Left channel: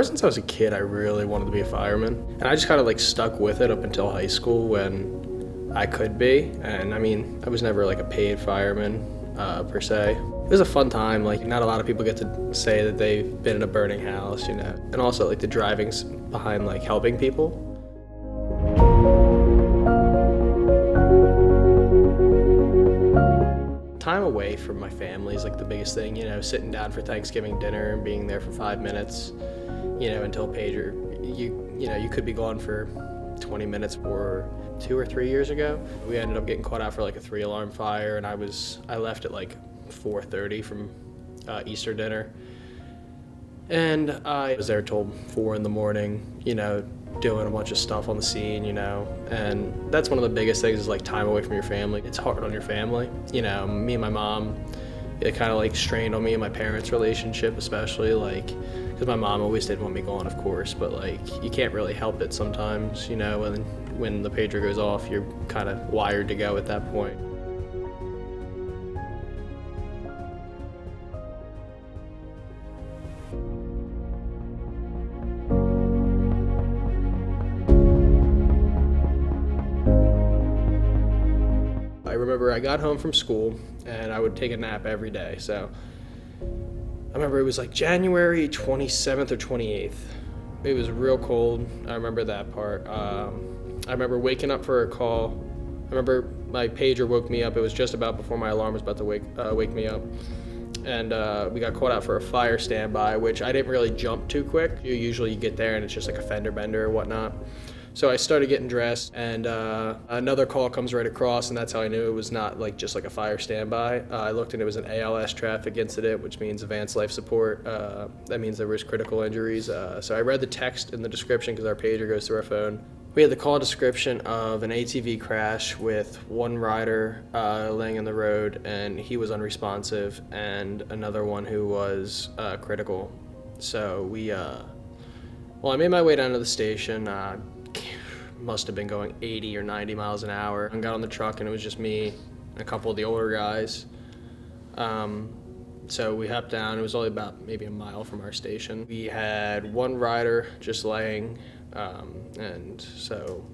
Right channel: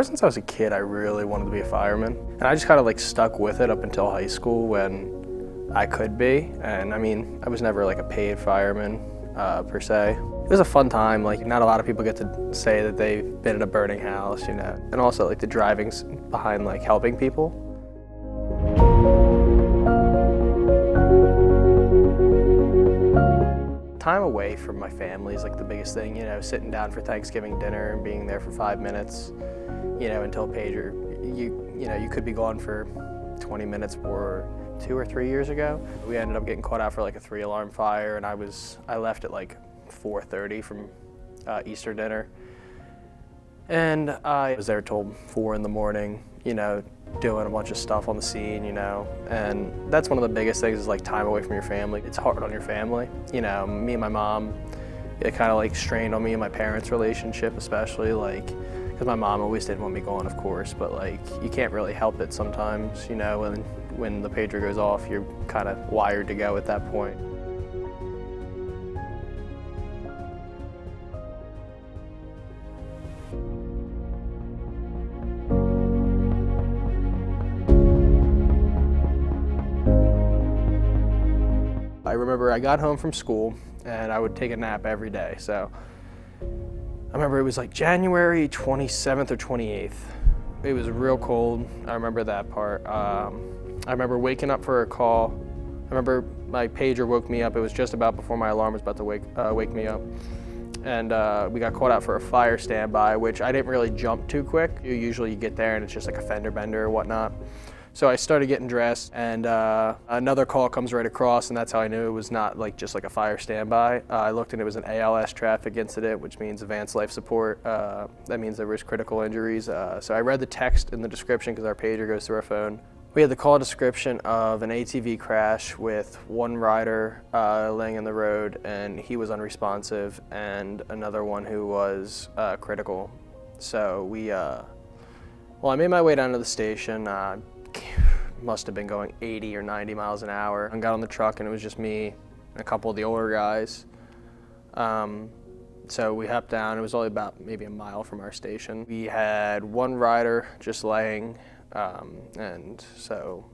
Ever since I was a kid, I really wanted to be a fireman. And I just kind of like stuck with it up until high school when I could be. And I mean, I was never like a paid fireman per se. It was a fun time. Like, not a lot of people get to say that they've been in a burning house, you know. And also like the drivings behind like helping people. Time away from my family is like the biggest thing, you know, sitting down for Thanksgiving dinner and being there for 5 minutes, you know, until pager. You know, you could be gone for 20 minutes. Or 2 or 3 years ago, we ended up getting caught out for like a 3-alarm fire, and I left at like 4:30 from Easter dinner. And I was there till 4 in the morning, you know, doing a bunch of stuff on the scene, you know, and that's one of the biggest things is like time away from your family. It's hard on your family. You know, me and my mom, it kind of like strained on me and my parents' relationship, especially like, because my mom always did want me going, of course, but like, you can't really help it sometimes, you know, when the pager goes off, you're kind of wired to go at that point. I remember I got home from school and I would take a nap every day. So I remember it was like January 27th or 28th. It was real cold. I remember that part. I remember waking up for a call. I remember my pager woke me up. It was just about before my alarm was about to wake me up. And we got called out for a fire standby, which I didn't really jump too quick. You get there and it's just like a fender bender or whatnot. So I started getting dressed, and another call comes right across, and that's how I knew it was not like just like a fire standby. I looked and it was an ALS traffic incident, which means advanced life support. That means there was critical injuries. So I read the text in the description because our pager goes through our phone. We had the call description of an ATV crash with one rider laying in the road, and he was unresponsive, and another one who was critical. So I made my way down to the station. Must have been going 80 or 90 miles an hour. I got on the truck and it was just me and a couple of the older guys. So we hopped down. It was only about maybe a mile from our station. We had one rider just laying, and so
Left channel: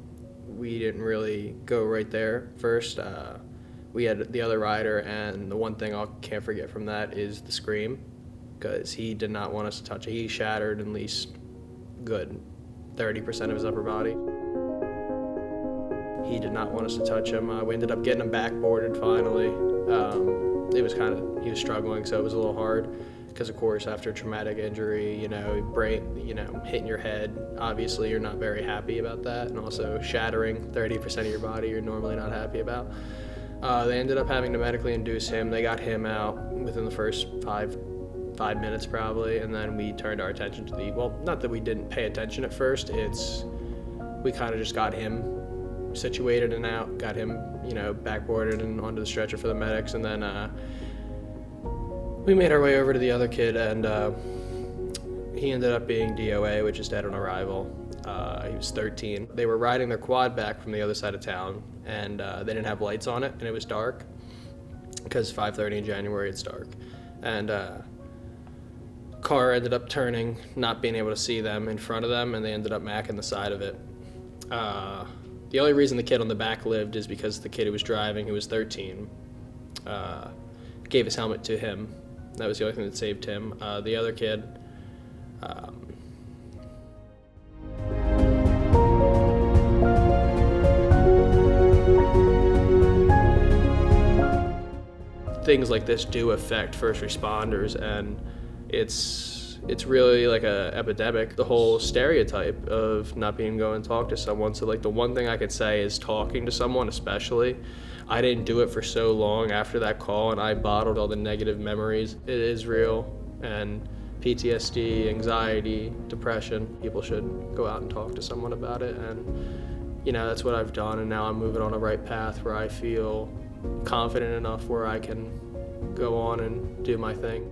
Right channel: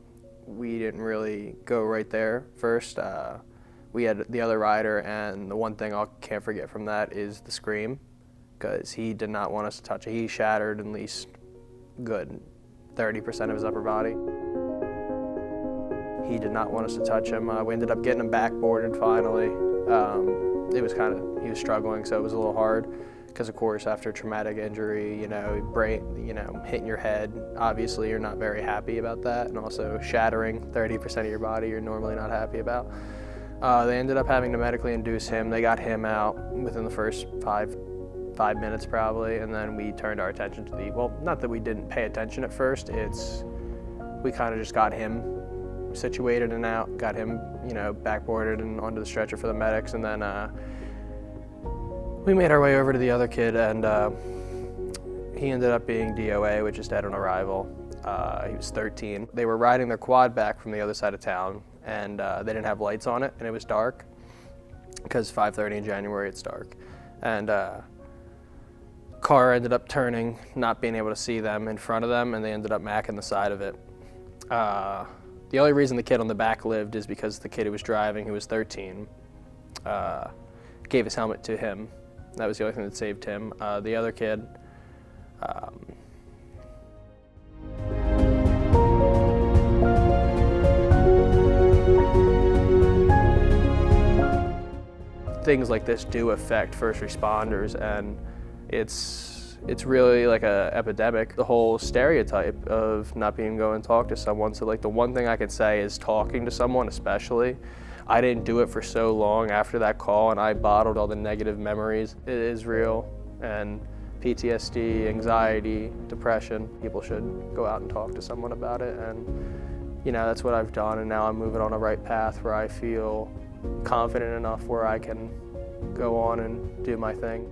we didn't really go right there first. We had the other rider, and the one thing I can't forget from that is the scream, because he did not want us to touch it. He shattered at least good 30% of his upper body. He did not want us to touch him. We ended up getting him backboarded finally. It was he was struggling, so it was a little hard because, of course, after traumatic injury, you know, hitting your head, obviously you're not very happy about that, and also shattering 30% of your body you're normally not happy about. They ended up having to medically induce him. They got him out within the first five minutes probably, and then we turned our attention to not that we didn't pay attention at first, we kind of just got him situated and out, got him, you know, backboarded and onto the stretcher for the medics, and then we made our way over to the other kid, and he ended up being DOA, which is dead on arrival. He was 13. They were riding their quad back from the other side of town, and they didn't have lights on it, and it was dark, because 5:30 in January, it's dark. And car ended up turning, not being able to see them in front of them, and they ended up macking the side of it. The only reason the kid on the back lived is because the kid who was driving, who was 13, gave his helmet to him. That was the only thing that saved him. The other kid, things like this do affect first responders, and it's really like a epidemic. The whole stereotype of not being able to go and talk to someone. So like the one thing I could say is talking to someone, especially. I didn't do it for so long after that call, and I bottled all the negative memories. It is real, and PTSD, anxiety, depression, people should go out and talk to someone about it. And you know, that's what I've done, and now I'm moving on a right path where I feel confident enough where I can go on and do my thing.